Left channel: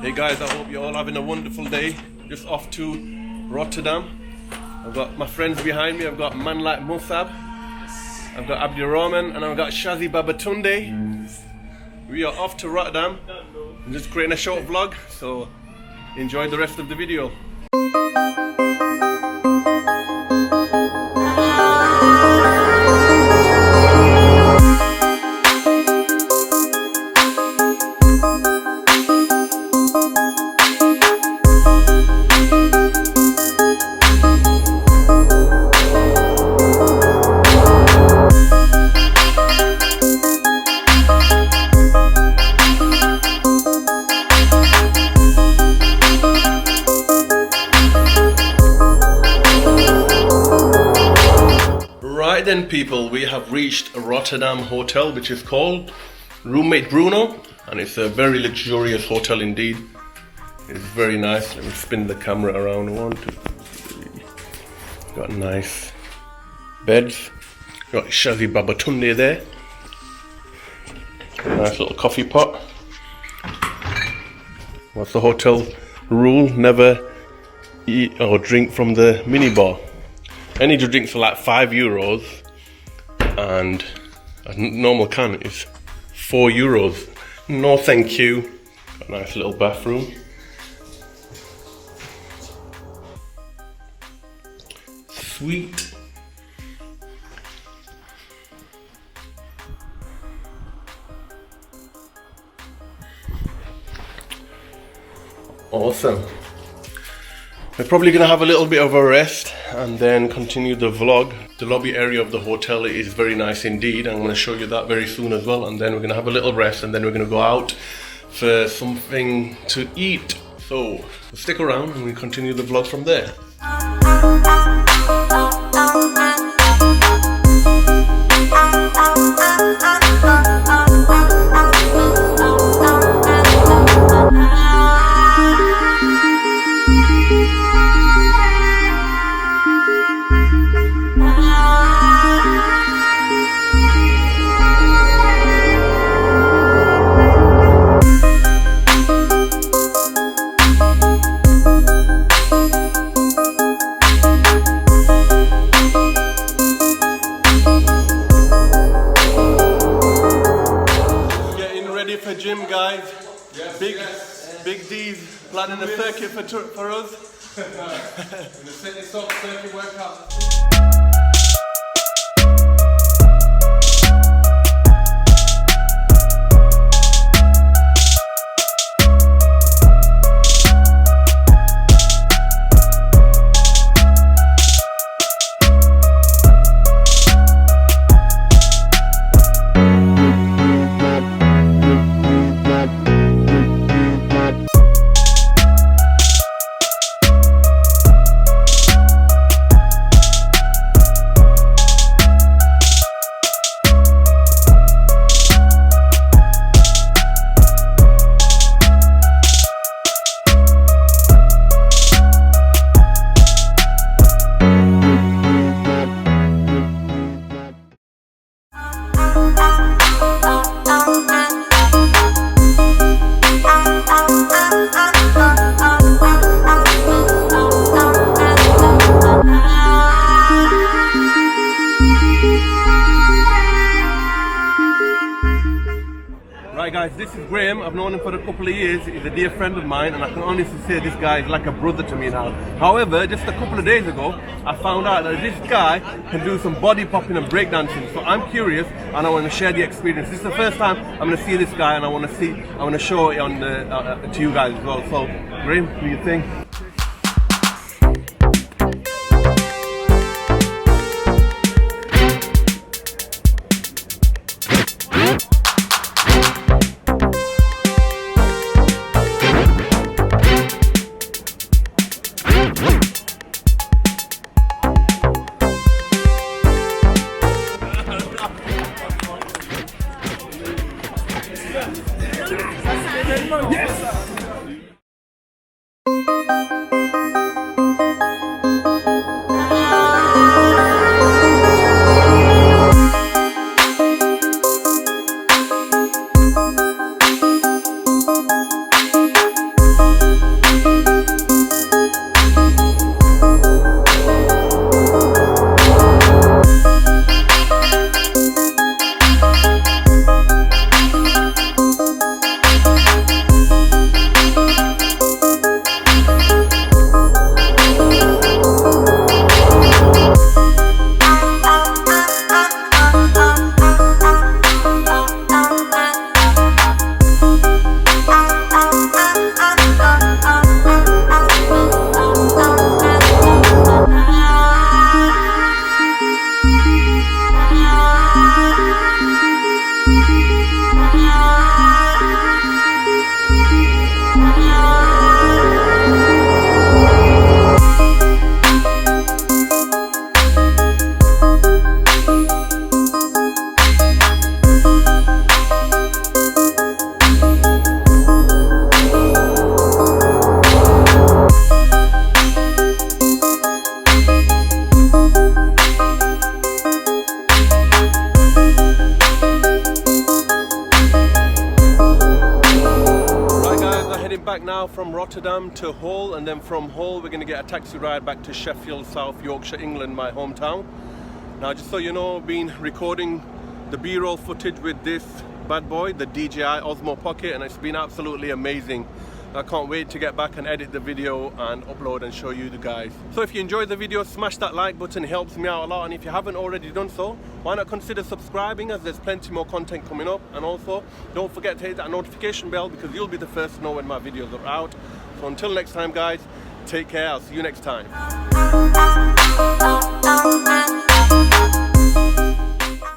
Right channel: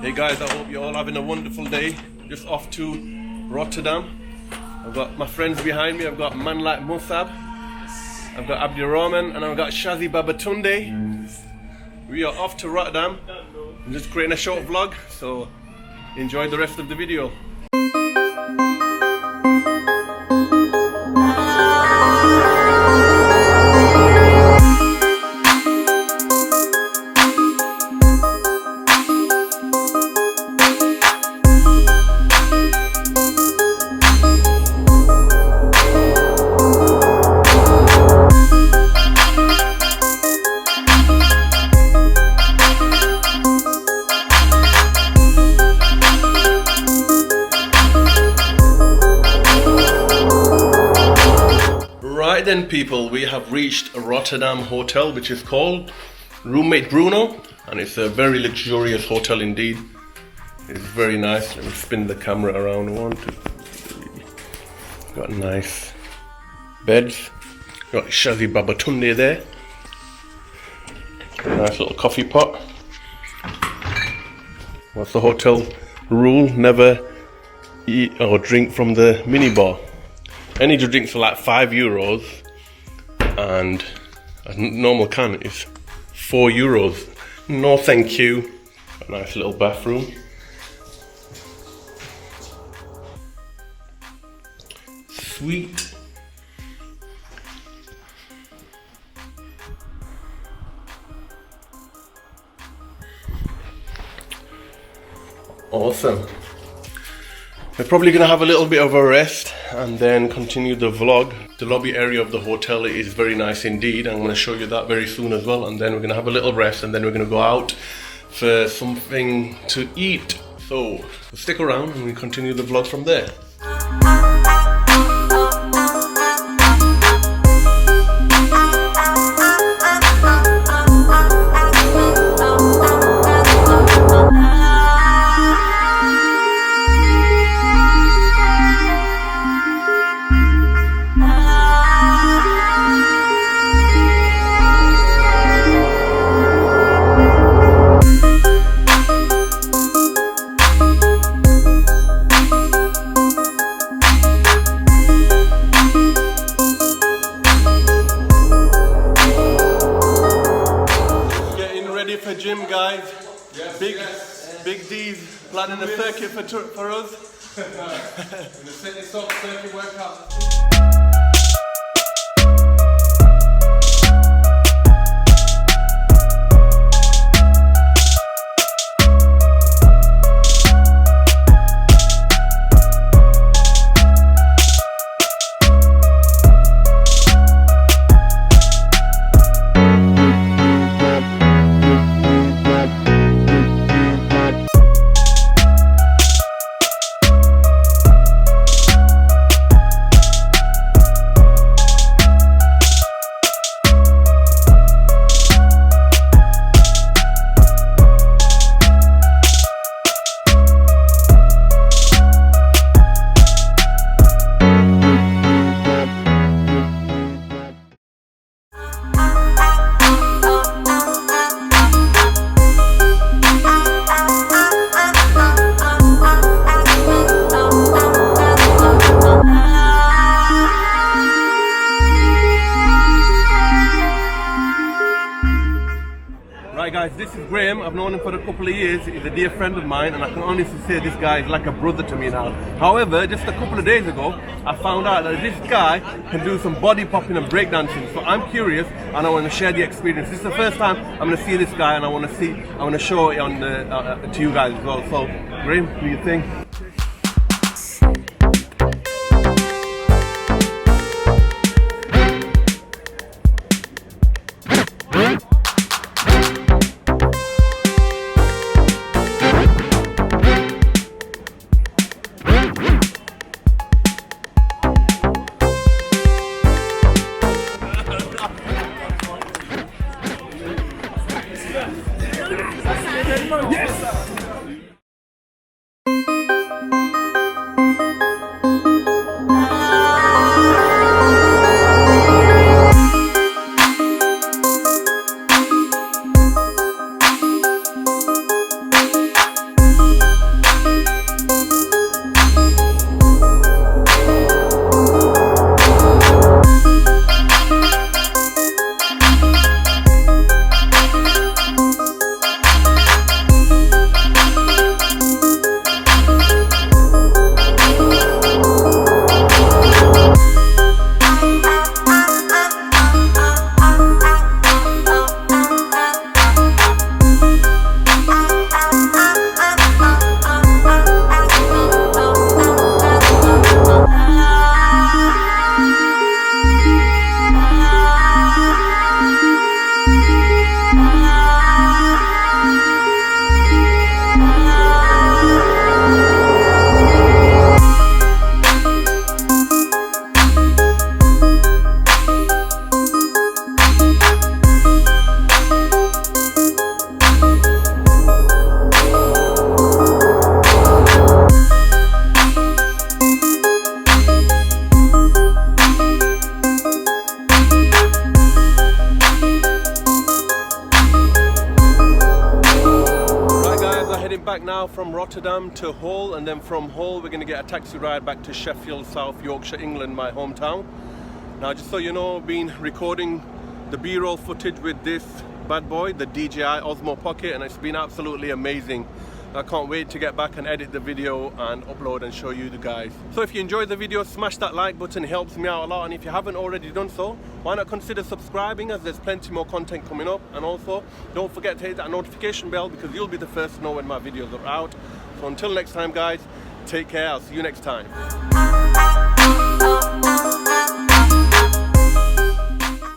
Hey guys, I hope you're all having a wonderful day. Just off to Rotterdam. I've got my friends behind me. I've got mLUT Musab, I've got Abdurrahman, and I've got Shazi Babatunde. We are off to Rotterdam. I'm just creating a short vlog, so enjoy the rest of the video. Right then people, we have reached a Rotterdam hotel which is called Roommate Bruno, and it's a very luxurious hotel indeed. It's very nice. Let me spin the camera around. 1, 2, 3. Got nice beds. Got Shazi Babatunde there. Nice little coffee pot. What's the hotel rule? Never eat or drink from the minibar. Any drinks are like €5, and a normal can is €4. No thank you. Got a nice little bathroom. Sweet. Awesome. We're probably going to have a little bit of a rest and then continue the vlog. The lobby area of the hotel is very nice indeed. I'm going to show you that very soon as well. And then we're going to have a little rest, and then we're going to go out for something to eat. So stick around and we continue the vlog from there. Ready for gym, guys. Yes, Big D's planning a circuit for us. In the city stop circuit workout. Right guys, this is Graham. I've known him for a couple of years. He's a dear friend of mine, and I can honestly say this guy is like a brother to me now. However, just a couple of days ago, I found out that this guy can do some body popping and breakdancing. So I'm curious, and I want to share the experience. This is the first time I'm going to see this guy, and I want to show it on to you guys as well. So, Graham, what do you think? Right guys, we're heading back now from Rotterdam to Hull, and then from Hull we're going to get a taxi ride back to Sheffield, South Yorkshire, England, my hometown. Now just so you know, I've been recording the B-roll footage with this bad boy, the DJI Osmo Pocket, and it's been absolutely amazing. I can't wait to get back and edit the video and upload and show you the guys. So if you enjoyed the video, smash that like button, it helps me out a lot, and if you haven't already done so, why not consider subscribing, as there's plenty more content coming up. And also don't forget to hit that notification bell, because you'll be the first to know when my videos are out. So until next time guys, take care, I'll see you next time.